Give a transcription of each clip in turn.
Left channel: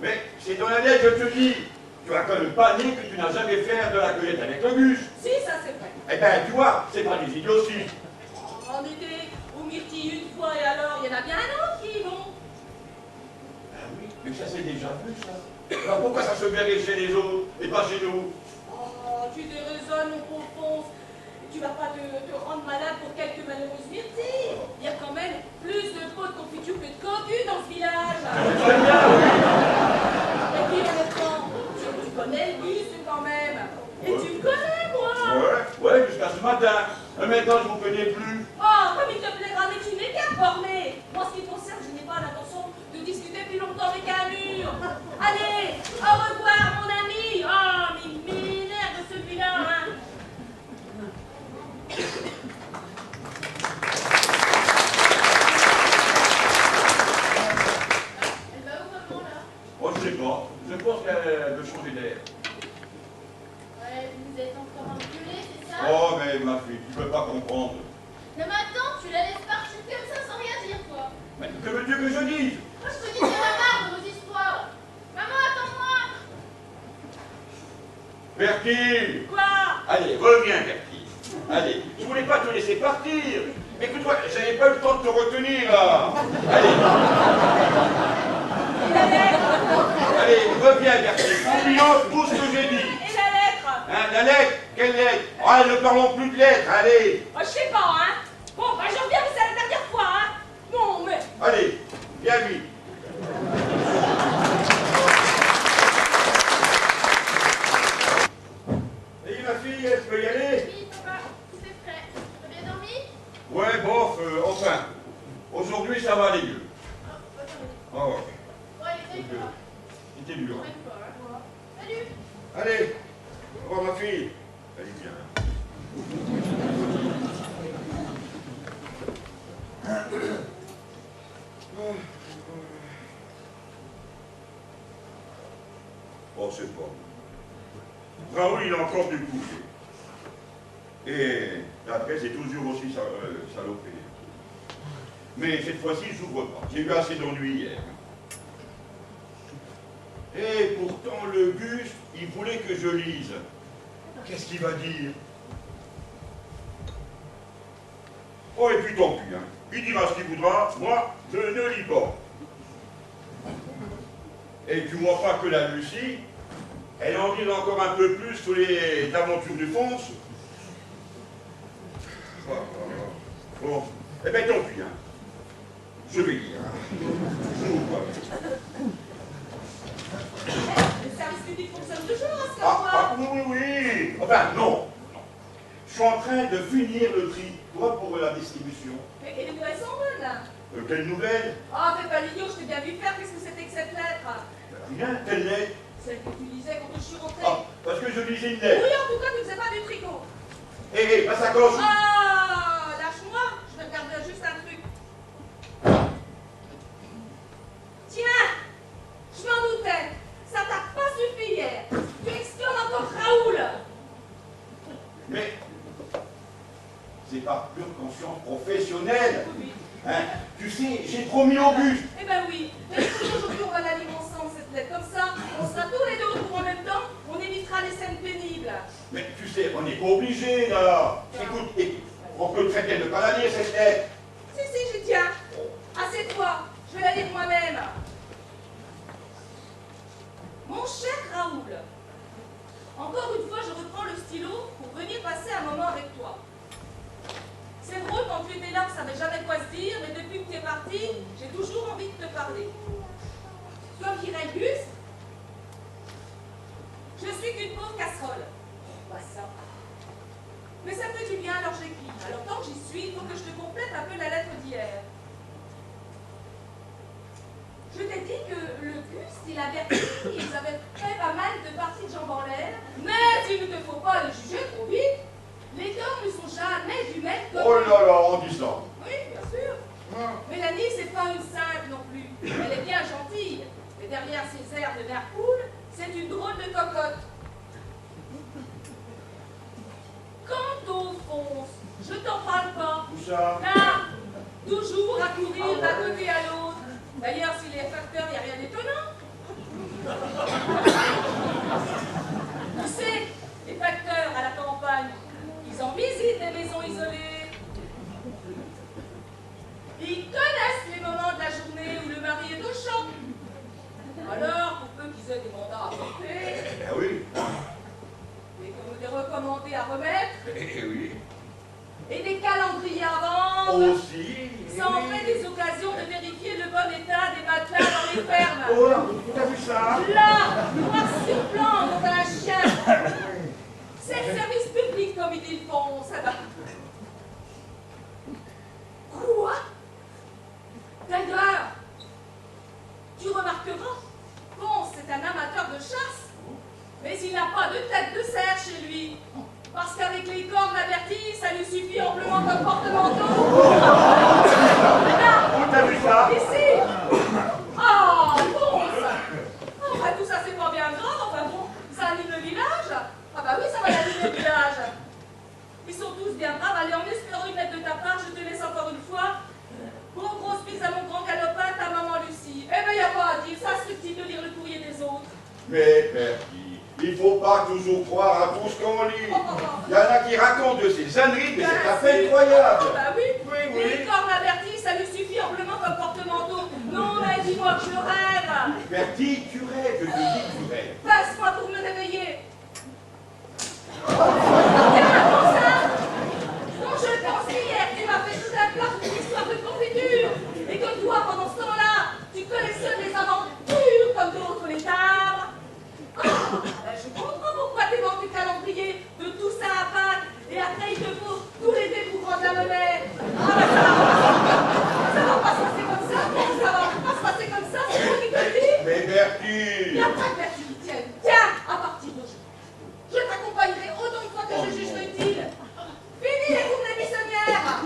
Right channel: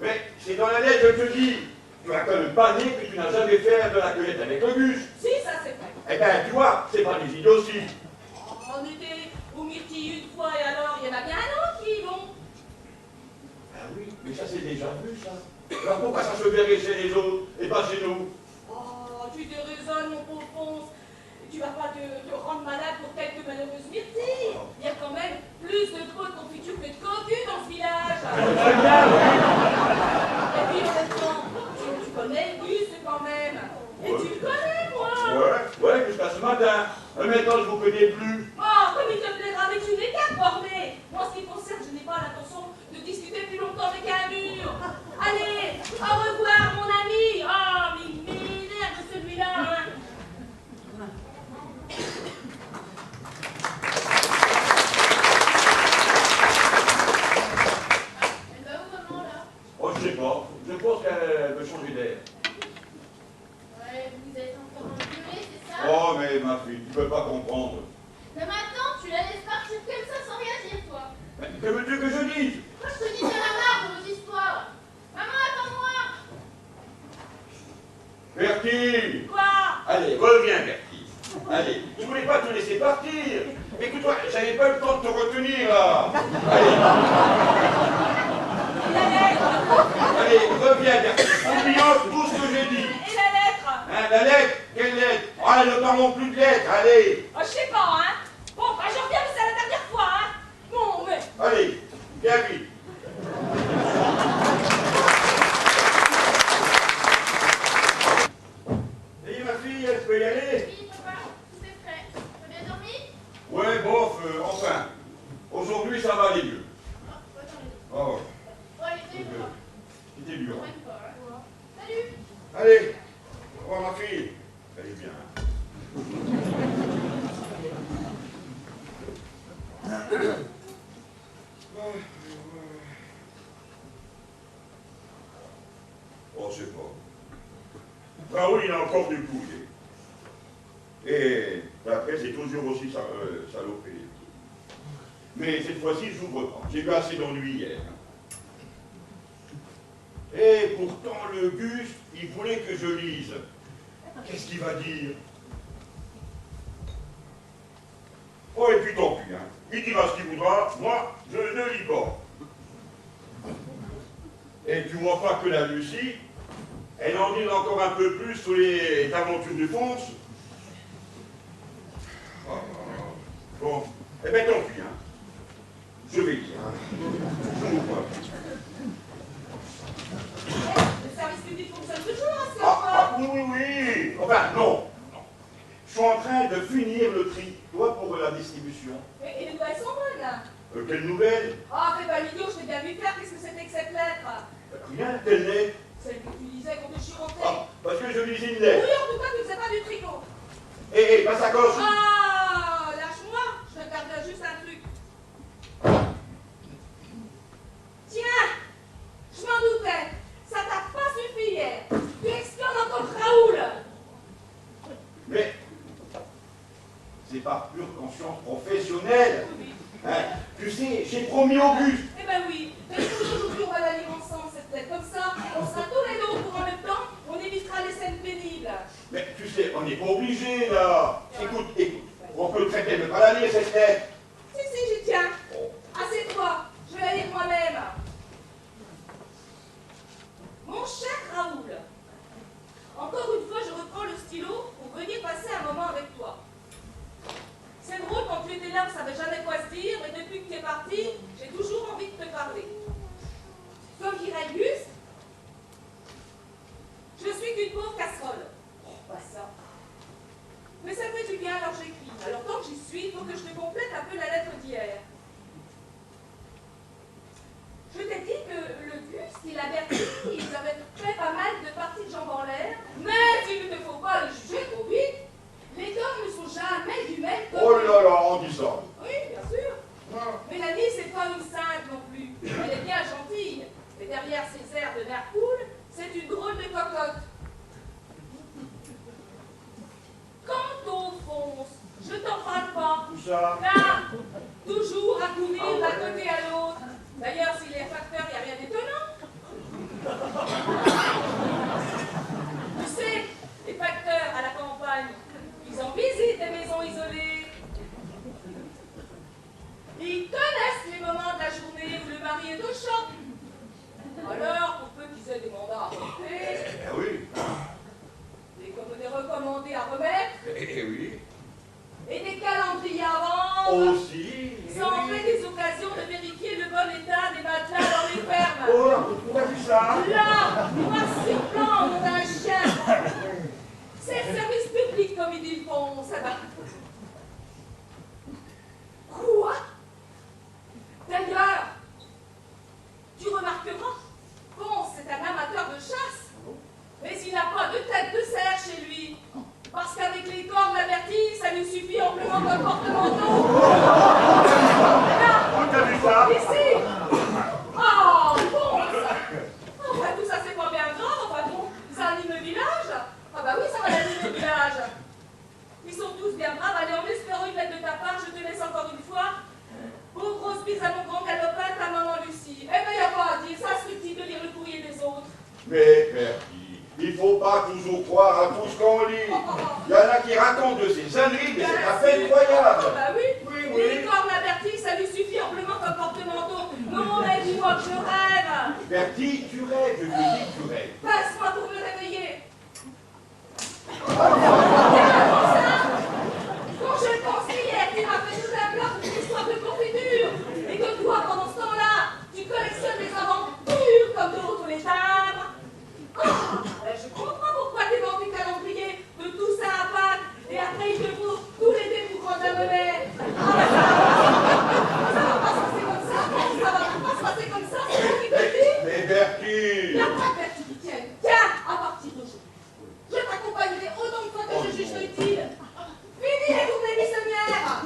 Mais c'est dans la lettre, je te dis. Tu vas quand même pas nier que tu n'as jamais fait de la cueillette avec le bus. Si, ça c'est vrai. Eh ben, tu vois, c'est pas des idioties. On était au Myrtille une fois et alors, il y en a bien un autre qui y vont. Ah oui, mais ça c'est déjà vu, ça. Alors pourquoi ça se verrait chez les autres et pas chez nous? Oh, tu déraisonnes, mon pauvre Ponce. Tu vas pas te rendre malade pour quelques malheureuses myrtilles. Il y a quand même plus de pots de confiture que de cocus dans ce village. Très bien, oui. Et puis honnêtement, tu connais Auguste quand même. Et Ouais. tu me connais, moi. Ouais, jusqu'à ce matin. Mais maintenant, je vous connais plus. Oh, comme il te plaira, mais tu n'es qu'un borné. Moi, ce qui te concerne, je n'ai pas l'intention de discuter plus longtemps avec un mur. Allez, au revoir, mon ami. Oh, mais il m'énerve celui-là, hein. Elle va où, maman, là? Oh, je sais pas. Je pense qu'elle veut changer d'air. Ouais, vous êtes encore engueulés, c'est ça? Oh, mais ma fille, tu peux pas comprendre. Non, mais attends, tu la laisses partir comme ça sans rien dire, toi. Mais que veux-tu que je dise? Moi, je te dis qu'il y en a marre de vos histoires. Maman, attends-moi. Bertie! Quoi? Allez, reviens, Bertie. Allez, je voulais pas te laisser partir. Mais écoute-moi, j'avais pas eu le temps de te retenir, là. Allez. Et la lettre? Allez, reviens, Bertie. Oublions tout ce que j'ai dit. Et la lettre? Hein, la lettre? Quelle lettre? Ah, ne parlons plus de lettres, allez. Oh, je sais pas, hein. Bon, bah je reviens, mais c'est la dernière fois, hein. Bon, mais... Allez, viens vite. Et ma fille, elle peut y aller? Oui, papa, tout est prêt. T'as bien dormi? Ouais, bof, enfin. Aujourd'hui, ça va aller mieux. Oh, attends, Oh, ouais. ouais, il était quoi? C'était dur. Même pas, hein. Salut. Allez, au revoir, ma fille. Allez, bien. Oh, c'est bon. Raoul, il a encore du coup. Et après, c'est toujours aussi salopé. Mais cette fois-ci, je n'ouvre pas. J'ai eu assez d'ennuis hier. Et pourtant, le Gus, il voulait que je lise. Qu'est-ce qu'il va dire? Oh, et puis tant pis, hein. Il dira ce qu'il voudra, moi, je ne lis pas. Et tu vois pas que la Lucie, elle en dit encore un peu plus sur les aventures du Ponce. Oh, bon, eh bien tant pis, hein. Je vais lire, hein. Je vous vois. Le service public fonctionne toujours à ce Oui, oui, oui. Enfin, non. Je suis en train de finir le tri, toi, pour la distribution. Et les nouvelles sont bonnes. Quelle nouvelle? Oh, fais pas l'idiot, je t'ai bien vu faire, qu'est-ce que c'était que cette lettre? Rien, quelle lettre? Celle que tu lisais quand je suis rentrée. Ah, parce que je lisais une Oui, lettre. en tout cas, tu faisais pas du tricot. Hé, ma sacoche. Ah, lâche-moi, je vais regarder juste un truc. Tiens, je m'en doutais, ça t'a pas suffi hier. Tu exclames encore Raoul. Mais c'est par pure conscience professionnelle. Oui. Hein, tu sais, j'ai promis au bus. Eh ben oui, mais aujourd'hui on va la lire ensemble cette lettre. Comme ça, on sera tous les deux au courant en même temps, on évitera les scènes pénibles. Mais tu sais, on n'est pas obligé là. Écoute, on peut très bien ne pas la lire cette lettre. Si, j'y tiens. Assieds-toi, je vais la lire moi-même. Mon cher Raoul, encore une fois, je reprends le stylo pour venir passer un moment avec toi. C'est drôle, quand tu étais là, on ne savait jamais quoi se dire, mais depuis que tu es parti, j'ai toujours envie de te parler. Comme dirait Gus, je suis qu'une pauvre casserole. Quoi ça? Mais ça fait du bien, alors j'écris. Alors tant que j'y suis, il faut que je te complète un peu la lettre d'hier. Je t'ai dit que le Gus et la Bertie, ils avaient fait pas mal de parties de jambes en l'air, mais il ne te faut pas les juger trop vite. Les hommes ne sont jamais du même côté. Oh là là, on dit ça. Oui, bien sûr. Mélanie, c'est pas une sainte non plus. Elle est bien gentille. Mais derrière ses airs de nerf cool, c'est une drôle de cocotte. Quant au Ponce, je t'en parle pas. Tout ça. Là, toujours à courir Ah ouais. d'un côté à l'autre. D'ailleurs, s'il est facteur, il n'y a rien d'étonnant. Tu sais, les facteurs à la campagne, ils en visitent des maisons isolées. Ils connaissent les moments de la journée où le mari est au champ. Alors, pour peu qu'ils aient des mandats à porter, Ah oui. des recommandés à remettre, Eh oui. et des calendriers à vendre, Aussi. ça en fait des occasions de vérifier le bon état des matelas dans les fermes. Oh, tu as vu ça? Là, noir sur blanc, on a un chien. C'est le service public comme ils le font, ça va. Quoi? D'ailleurs, tu remarqueras, Ponce c'est un amateur de chasse, mais il n'a pas de tête de cerf chez lui. Parce qu'avec les cornes averties, ça lui suffit amplement comme porte-manteau. Là, Où t'as vu ça? ici. Ah, Ponce. Enfin, tout ça, c'est pas bien grave. Enfin, bon, ça anime le village. Ah bah oui, ça va animer le village. Ils sont tous bien braves. Allez, en espérant une lettre de ta part, je te laisse encore une fois. Pour grosse bise à mon grand galopin, ta maman Lucie. Eh ben, y a pas à dire, ça se fait de lire le courrier des autres. Mais, Bertie, il faut pas toujours croire à tout ce qu'on lit. Il y en a qui racontent de ces âneries, mais c'est à peine croyable. Ah bah oui, Oui, oui. les cornes averties, ça lui suffit amplement comme porte-manteau. Non, mais dis-moi que je rêve. Bertie, tu rêves, je te dis que tu rêves. Passe-moi pour me réveiller. Comment ça? Non, je pense qu'hier, tu m'as fait tout un plat pour une histoire de confiture. Et que toi, pendant ce temps-là, tu collectionnes des aventures comme d'autres les timbres. Ah, ben je comprends pourquoi tu vends tes calendriers de tout ça à Pâques. Et après, il te faut tous les dés pour prendre la monnaie. Ah, ben ça va pas se passer comme ça. Ça va pas se passer comme ça, c'est moi qui te le dis. Mais Il Bertie! n'y a pas de vertu qui tienne. Tiens, à partir d'aujourd'hui, je t'accompagnerai autant de fois que je jugerai utile. Fini les tournées buissonnières.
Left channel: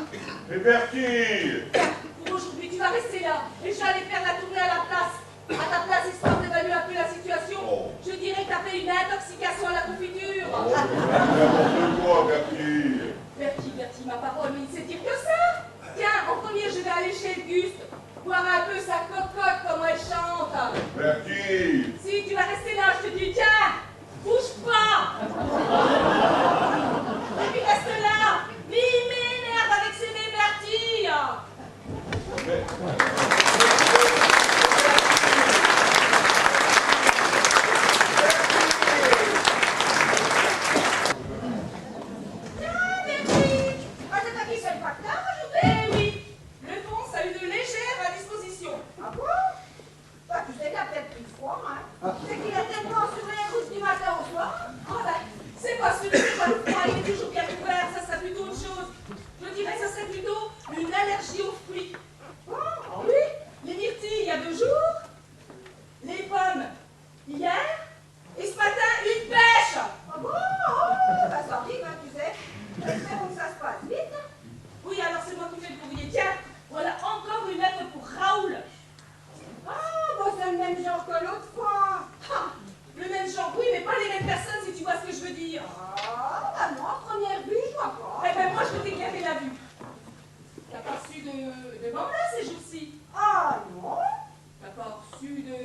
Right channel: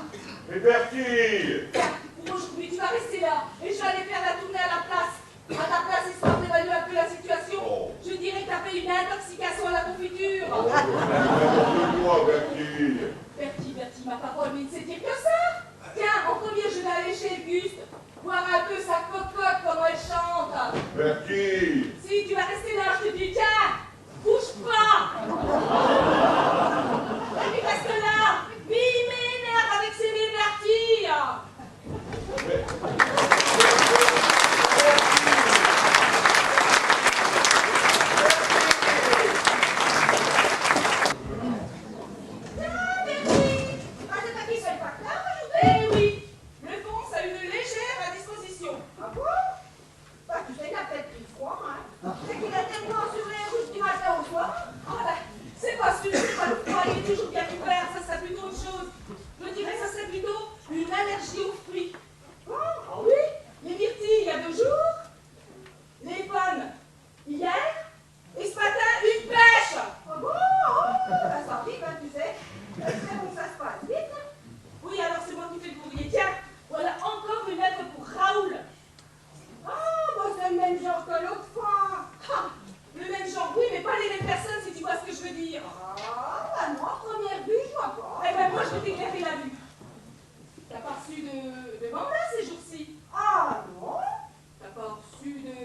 Mais Bertie! Tiens, pour aujourd'hui, tu vas rester là. Et je vais aller faire la tournée à la place. À ta place, histoire d'évaluer un peu la situation. Oh. Je dirais que t'as fait une intoxication à la confiture. Oh, n'importe quoi, Bertie! Bertie, ma parole, mais il ne sait dire que ça. Tiens, en premier, je vais aller chez Auguste, voir un peu sa cocotte, comment elle chante. Bertie! Si tu vas rester là, je te dis, tiens, bouge pas. Et puis reste là. Mais il m'énerve avec ses Bertie. Eh oui, le Ponce a une légère indisposition. Ah bon? Bah, tu sais qu'il a peut-être pris froid, hein? C'est qu'il a tellement sur les routes du matin au soir. Ah ben, c'est pas sûr, c'est pas le froid, il est toujours bien couvert, ça serait plutôt autre chose. Je dirais que ça serait plutôt une allergie aux fruits. Ah oui, les myrtilles il y a 2 jours, les pommes hier, et ce matin une pêche. Ah bon? Oh, bah, ça arrive, hein, tu sais. Espérons que ça se passe vite. Oui, alors c'est moi qui fais le courrier. Tiens, voilà encore une lettre pour Raoul. Ah, bah, c'est le même genre que l'autre fois. Ah, le même genre, oui, mais pas les mêmes personnes si tu vois ce que je veux dire. Ah, bah non, à première vue, je vois pas. Eh ben moi je vais t'éclairer la vue. T'as pas reçu de mandat ces jours-ci? Ah non? T'as pas reçu de